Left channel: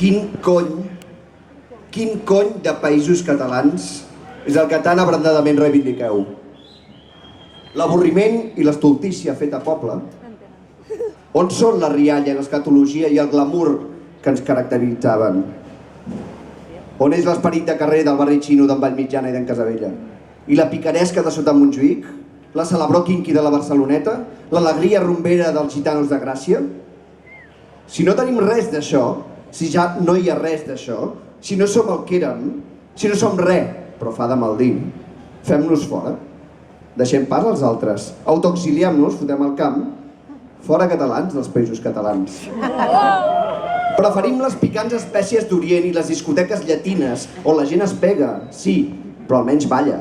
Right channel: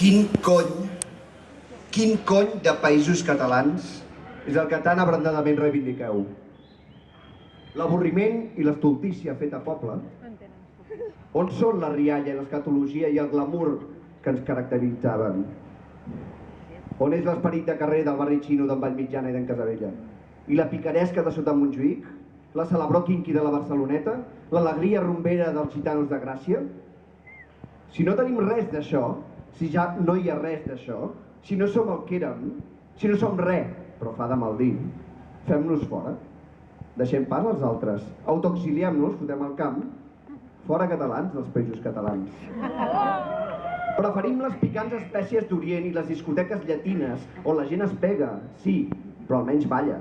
Quin cony de països catalans és el que tan abrandadament reivindiqueu? L'avorriment i l'estultícia feta a poble? On són la rialla, l'escatologia i el glamour que ens caracteritzaven? On és l'esperit de carrer del barri xino d'en Vallmitjana i d'en Casabella? I la picaresca de sota Montjuïc? La celebró quinqui de la Barceloneta? L'alegria rumbera dels gitanos de Gràcia? Si no tenim res d'això, si ja no hi ha res d'això, si no som el que érem, si no som res, però fa de mal dir, fem-nos fora. Deixem pas als altres, autoexiliem-nos, fotem el camp, fora catalans dels països catalans. Preferim les picants espècies d'Orient i les discoteques llatines, on la gent es pega, sí, però almenys balla.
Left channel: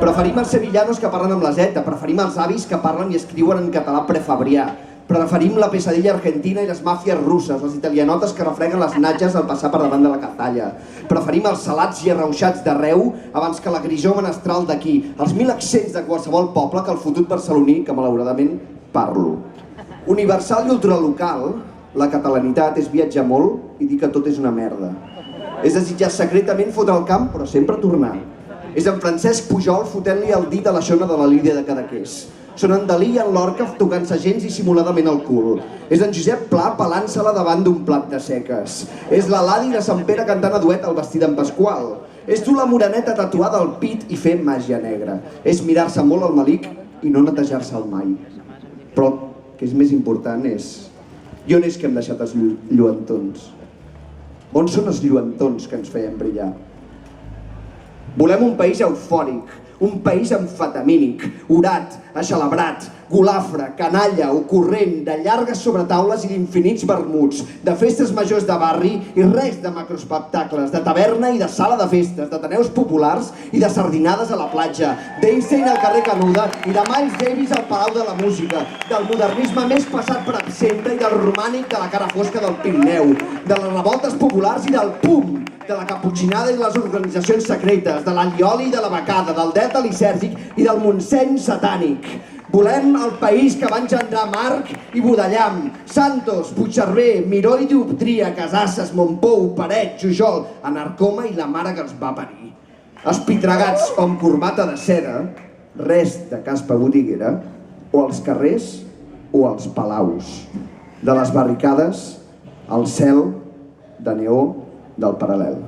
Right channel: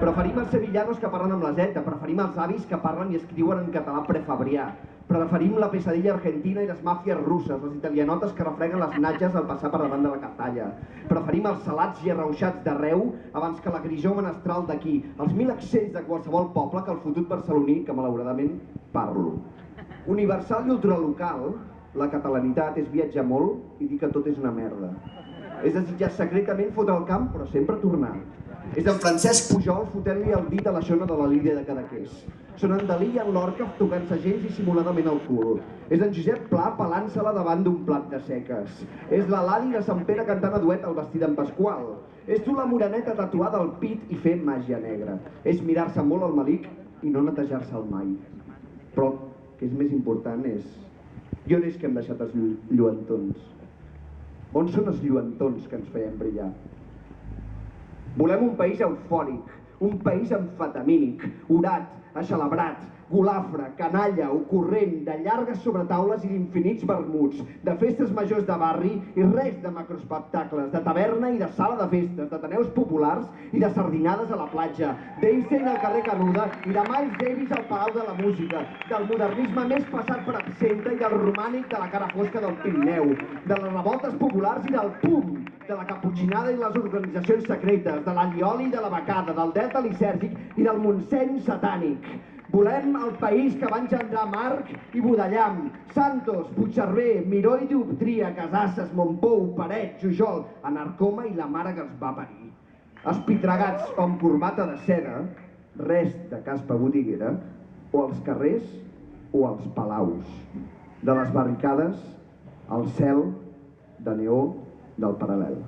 Preferim els sevillanos que parlen amb la zeta, preferim els avis que parlen i escriuen en català prefabrià, preferim la pesadilla argentina i les màfies russes, les italianotes que refreguen les natges al passar per davant de la Cazalla. Preferim els salats i arrauxats d'arreu abans que la grisó menestral d'aquí, els 1000 accents de qualsevol poble que el fotut barceloní, que malauradament parlo. Universal i ultralocal, la catalanitat és viatjar molt i dir que tot és una merda. És desitjar secretament fotre el camp, però sempre tornar. És en Francesc Pujol fotent-li el dit a la xona de la Lídia de Cadaqués. Són en Dalí i en Lorca tocant-se gens dissimuladament el cul. És en Josep Pla pelant-se-la davant d'un plat de seques. És la Ladi de Sant Pere cantant a duet el vestit d'en Pasqual. És dur la moreneta tatuada al pit i fer màgia negra. És mirar-se molt al malic i no netejar-se'l mai. Però el que és més important és... I on és que hem deixat els lluentons? On són els lluentons que ens feien brillar? Volem un país eufòric, un país amfetamínic, orat, aixelebrat, golafre, canalla, ocorrent, de llargues sobretaules i d'infinits vermuts, de festes majors de barri i res de macroespectacles, de taverna i de sala de festes, d'ateneus populars i de sardinades a la platja, d'Einstein al carrer Canuda i de Miles Davis al Palau de la Música, del modernisme més passat per absenta i del romànic de la cara fosca del Pirineu, de les revoltes populars i del PUM, de la caputxinada i de les organitzacions secretes, de l'allioli i de la becada, del delta lisèrgic i del Montseny satànic. Volem el país que va engendrar Marc i Budallam, Santos, Puigcerver, Miró i Dioptria, Casasses, Montpou, Paret, Jujol, Anarcoma i la mare que els va parir. Espitregats com corbata de seda, res de caspa botiguera, o als carrers o als palaus. De les barricades al cel de neó del paral·lel.